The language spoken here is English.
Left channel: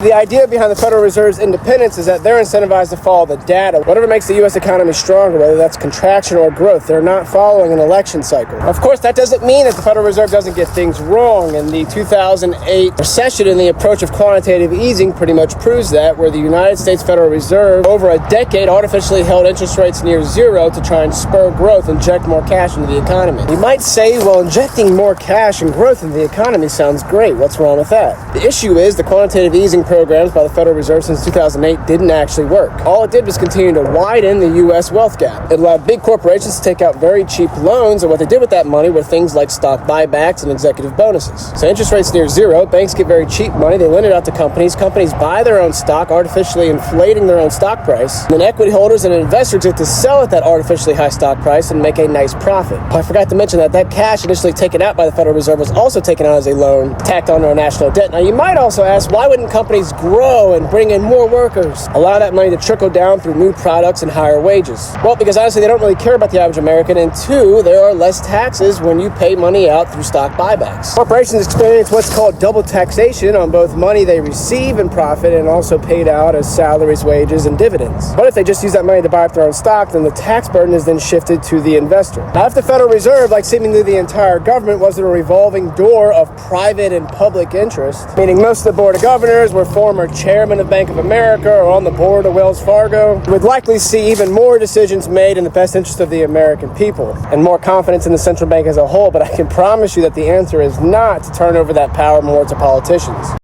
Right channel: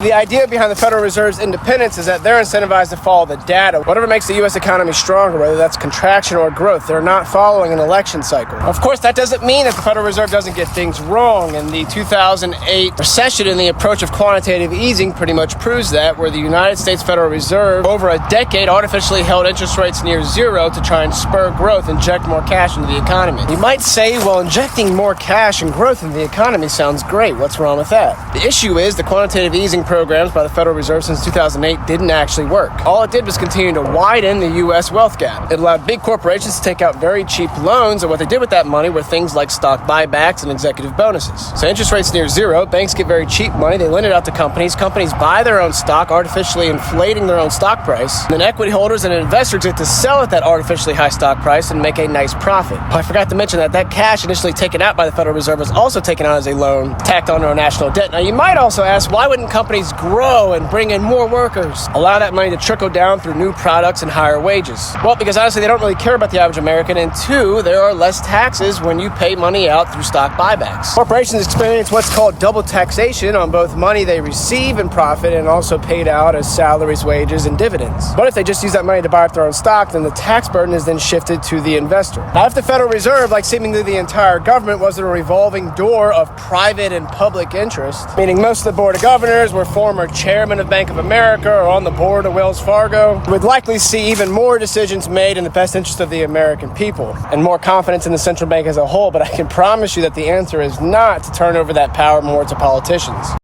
The idea behind the Federal Reserve's independence is that they're incentivized to follow the data. Whatever makes the U.S. economy stronger, whether that's contraction or growth, they're not following an election cycle. Of course, that doesn't mean that the Federal Reserve doesn't get things wrong, and the 2008 recession and the approach of quantitative easing pretty much proves that, where the United States Federal Reserve over a decade artificially held interest rates near zero to try and spur growth, inject more cash into the economy. You might say, well, injecting more cash and growth into the economy sounds great. What's wrong with that? The issue is the quantitative easing programs by the Federal Reserve since 2008 didn't actually work. All it did was continue to widen the U.S. wealth gap. It allowed big corporations to take out very cheap loans, and what they did with that money were things like stock buybacks and executive bonuses. So interest rates near zero, banks get very cheap money, they lend it out to companies, companies buy their own stock, artificially inflating their own stock price, and then equity holders and investors get to sell at that artificially high stock price and make a nice profit. I forgot to mention that cash initially taken out by the Federal Reserve was also taken out as a loan tacked onto our national debt. Now you might also ask, why wouldn't companies grow and bring in more workers? Allow that money to trickle down through new products and higher wages. Well, because honestly, they don't really care about the average American, and two, there are less taxes when you pay money out through stock buybacks. Corporations experience what's called double taxation on both money they receive in profit and also paid out as salaries, wages, and dividends. But if they just use that money to buy up their own stock, then the tax burden is then shifted to the investor. Now, if the Federal Reserve, like seemingly the entire government, wasn't a revolving door of private and public interest, meaning most of the board of governors were former chairman of Bank of America or on the board of Wells Fargo, we'd likely see even more decisions made in the best interest of the American people and more confidence in the central bank as a whole. But I can promise you that the answer is not to turn over that power more to politicians.